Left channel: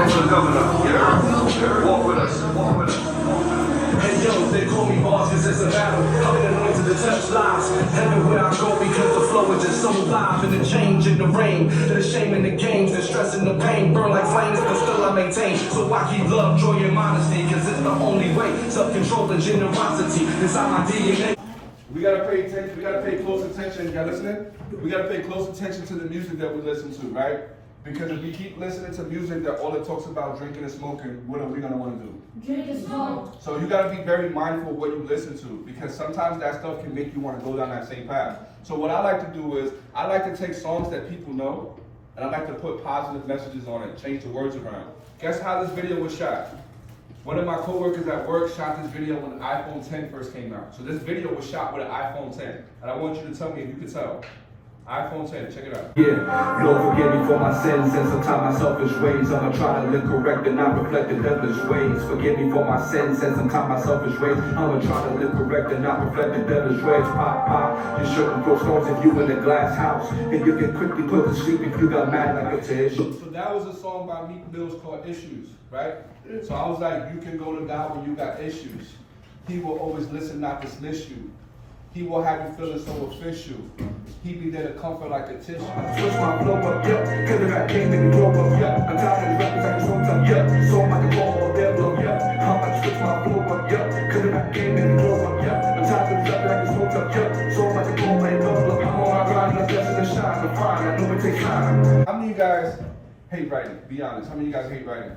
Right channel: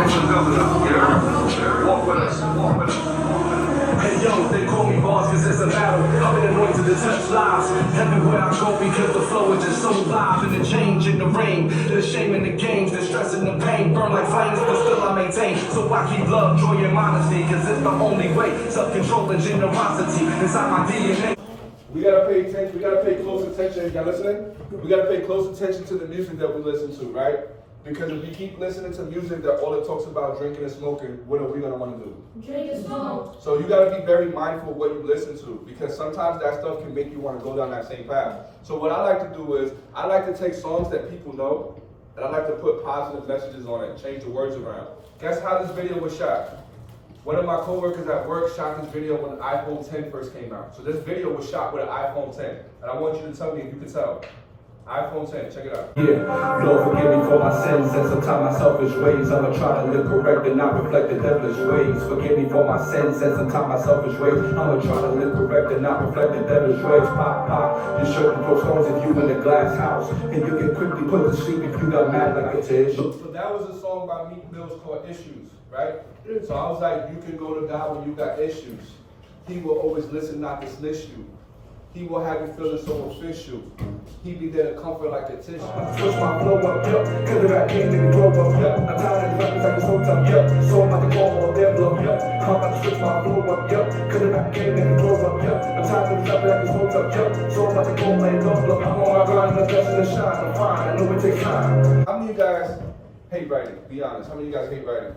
Financial governor, you know? Walk with us, walk with us. Hey yo, they call me boss cause it's a battle. I've been anointed to touch lives everywhere I go because the flow is just so live. And the change in the rain, the shame in the games, the stress and the pain burn like flames, but still I maintain. So I keep love, joy, and modesty cause it's the only way. Self-control and generosity inside my DNA. We gotta pay attention, we gotta pay close attention, y'all listening? We gotta pay close attention to the music that we listen to, right? Because if we keep listening to music that all it talks about drinking and smoking, what are we gonna wanna do? Drink and smoke. So you gotta be very mindful of what you listen to, because sometimes that stuff can make you wanna go down that same path. So what I like to do is, I like to take songs that people know, and I like to put positive messages on it, change the words around. Guess how this video was shot? One of my coworkers at work shot this video when the iPhone 10 first came out. So this video was shot with an iPhone 10. And I want you to tell me if you can tell. iPhone 10, check it out. Yeah, Lord forgive me for my sins and sometimes my selfish ways. I'ma try to live correct and not reflect the devilish ways. Forgive me for my sins and sometimes my selfish ways. I'ma try to live correct and not reflect the devilish ways. Pop, pop, you shouldn't throw stones if you in a glass house. And you can quickly put to sleep if you got mad like a dish. So that was a song by Meek Mills called Issues, right? So I was like, you can go to God when you got issues. He will always listen, not dismiss you. He will have you feeling so official. He be there to comfort like a tissue. Switch my flow up, yeah. Get it, I can't make it grow up, yeah. I'm tired of rapping like it's so tough, yeah. So like a ball of devil, yeah. How much switch my flow up, yeah. Get it, I can't make it grow up, yeah. I'm tired of rapping like it's so tough, yeah. So like a ball of devil, I'm on my grind, I'm blessing and shine, I'm fine. I know it takes time. How many of you guys hate writing? Be honest. How many of you guys hate writing?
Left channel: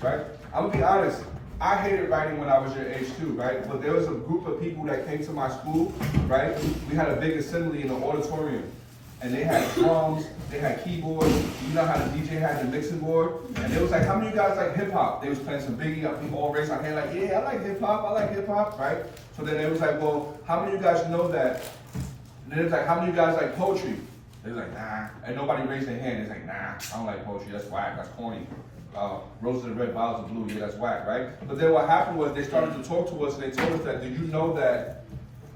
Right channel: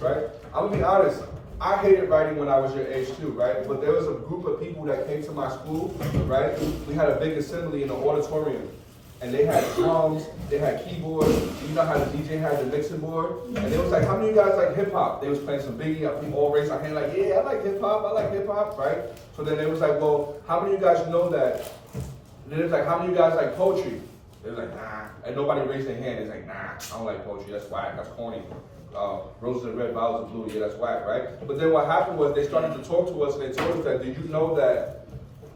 Right? I'm gonna be honest. I hated writing when I was your age too, right? But there was a group of people that came to my school, right? We had a big assembly in the auditorium. And they had drums, they had keyboards, you know how the DJ had the mixing board? And they was like, how many of you guys like hip hop? They was playing some Biggie, people all raised their hand like, yeah, I like hip hop, right? So then they was like, well, how many of you guys know that? And then it was like, how many of you guys like poetry? They was like, nah. And nobody raised their hand. They was like, nah, I don't like poetry, that's whack, that's corny. Roses are red, violets are blue, yeah, that's whack, right? But then what happened was they started to talk to us and they told us that, did you know that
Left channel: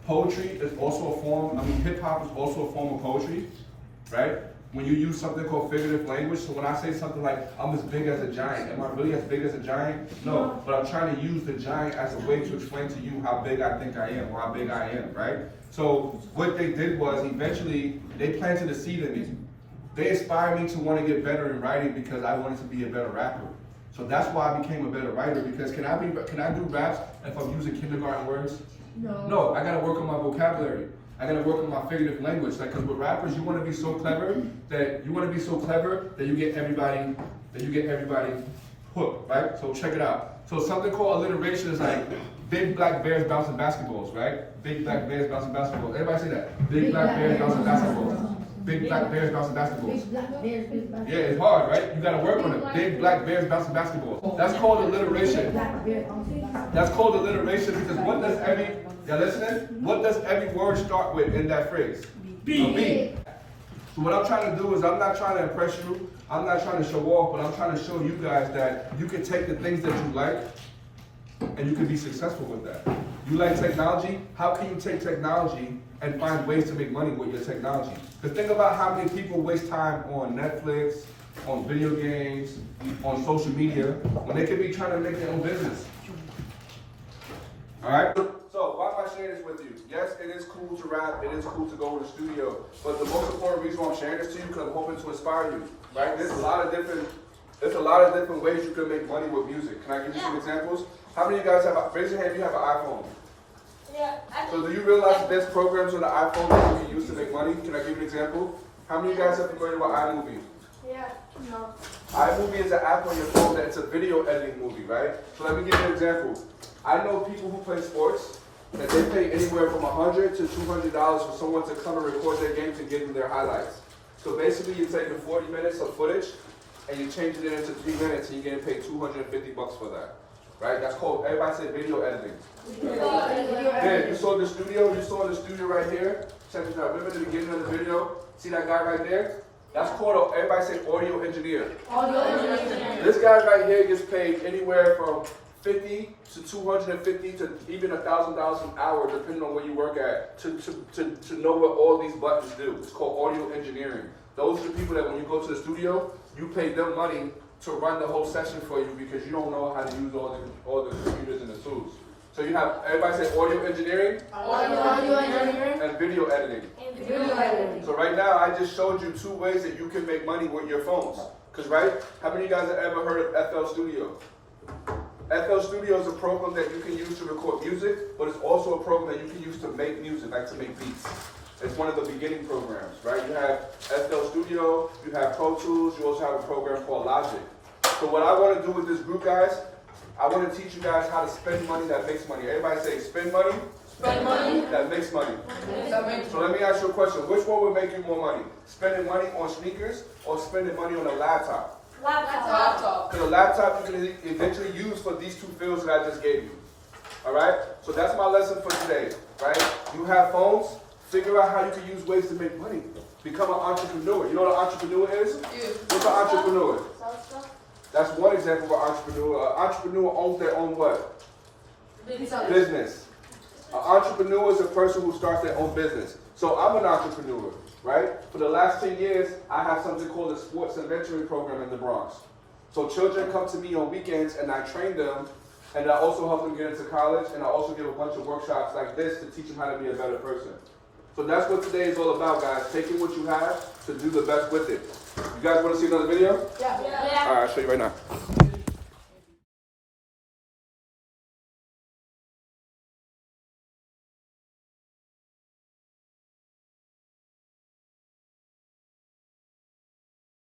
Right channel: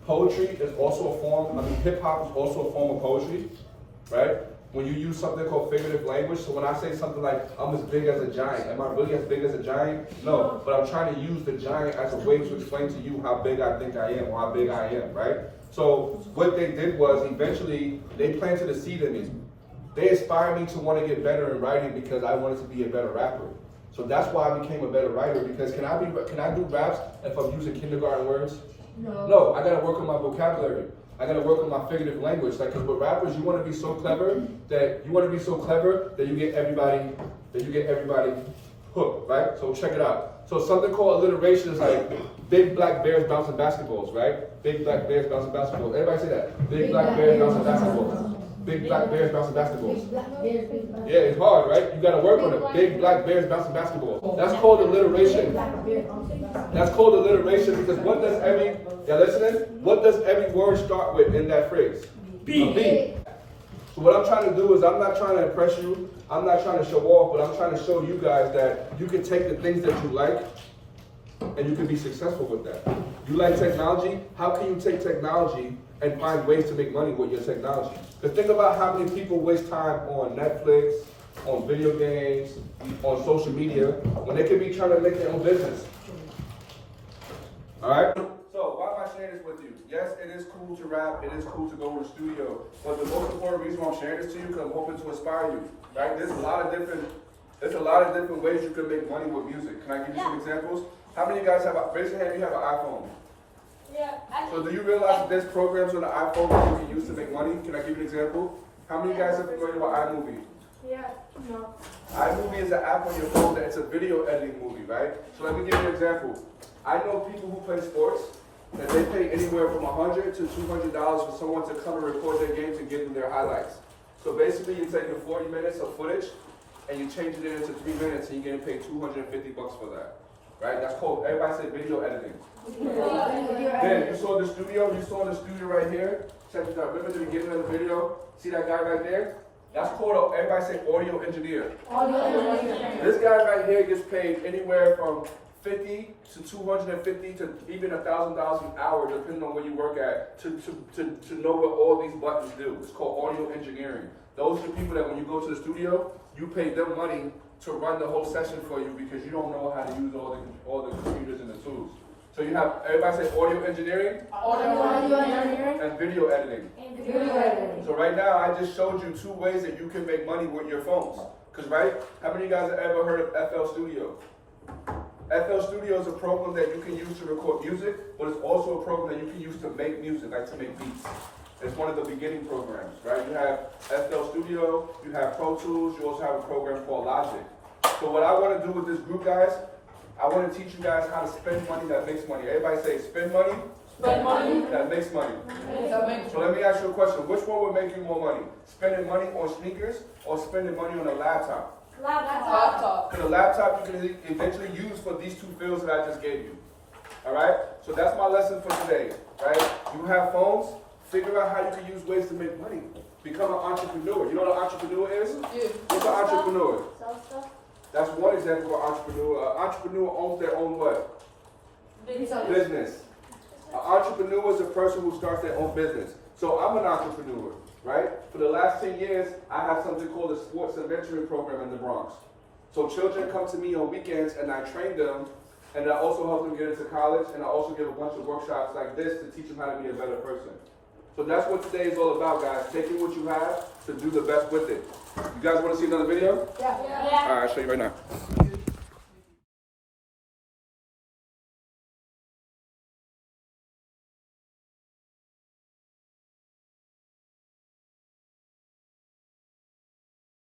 poetry is also a form, hip hop is also a form of poetry, right? When you use something called figurative language, so when I say something like, I'm as big as a giant, am I really as big as a giant? No, but I'm trying to use the giant as a way to explain to you how big I think I am, or how big I am, right? So what they did was, eventually, they planted a seed in me. They inspired me to want to get better in writing because I wanted to be a better rapper. So that's why I became a better writer, because can I do raps if I'm using kindergarten words? No, I gotta work on my vocabulary. I gotta work on my figurative language. Like, cause with rappers, you wanna be so clever that you get everybody hooked, right? So check it out. So something called alliteration is like big black bears bouncing basketballs, right? Big black bears bouncing basketballs. Everybody say that. Big black bears bouncing basketballs. Big black bears bouncing basketballs. Yeah, it's hard, right? You gotta work on it. Big black bears bouncing basketballs. That's called alliteration. That's called alliteration because what does every word start with in that phrase? B. So what I'm trying to do is, I'm not trying to impress you, I'm not trying to show off, but I'm trying to show you guys that you can take the things that you like and you can be successful with that. You like technology? How can you take technology and find ways to make money with your technology? Because think about how many people waste time on Netflix, on video games, on social media, when they could be trying to make their own business. All right? So why am I sharing this with you? Yes, it is cool to rap, it is cool to go to the studio, but the most important reason why I'm sharing this to you, because I'm hoping to inspire you, right? There's a lot of different ways you can make money with music. Can I give you some examples? How many of you guys raise your hand if you have an iPhone? Yeah. So do you realize that there's programs on the iPhone that you can use to make money? Can I give you an example? How many of you guys are familiar with iMovie? Yeah. No. iMovie is an app on your phone that's a video editing movie, right? So let me give you an example. I know people who play sports that they pay anywhere from $100 to $200 for someone to come and record their games and give them their highlights. So basically you're taking 40 minutes of footage and you're changing it into 3 minutes and you're getting paid $250 for that. Right? That's called, everybody say video editing. Then you saw the studio right here. Check this out. Remember the beginning of the video? See that guy right there? That's called, everybody say audio engineer. This guy right here gets paid anywhere from $50 to $250 to even $1,000 an hour, depending on where you work at, to know what all these buttons do. It's called audio engineering. Those are the people that when you go to the studio, you pay them money to run the whole session for you because you don't know how to use all the computers and the tools. So you have, everybody say audio engineering Audio engineering. and video editing. And video editing. So right now, I just showed you 2 ways that you can make money with your phones. Because, right, how many of you guys have ever heard of FL Studio? FL Studio is a program that you can use to record music, but it's also a program that you can use to make music, like to make beats. It's one of the beginning programs, right? You have FL Studio, you have Pro Tools, you also have a program called Logic. So what I want to do with this group, guys, I want to teach you guys how to spend money that makes money. Everybody say, spend money, that makes money. So let me ask you a question. Which one would make you more money? Spending money on sneakers or spending money on a laptop? Laptop. Because a laptop you can eventually use for these 2 fields that I just gave you. Alright? So that's my lesson for today. Right? You have phones, figure out how you can use ways to make money. Become an entrepreneur. You know what an entrepreneur is? What's an entrepreneur? That's one example of an entrepreneur. An entrepreneur owns their own what? Business. An entrepreneur is a person who starts their own business. So I'm an entrepreneur, right? For the last 10 years, I have something called a sports and mentoring program in the Bronx. So children come to me on weekends and I train them, and I also help them get into college, and I also give a bunch of workshops like this to teach them how to be a better person. So that's what today is all about, guys. Taking what you have to do the best with it. You guys want to see another video? Yeah. All right, I'll show you right now.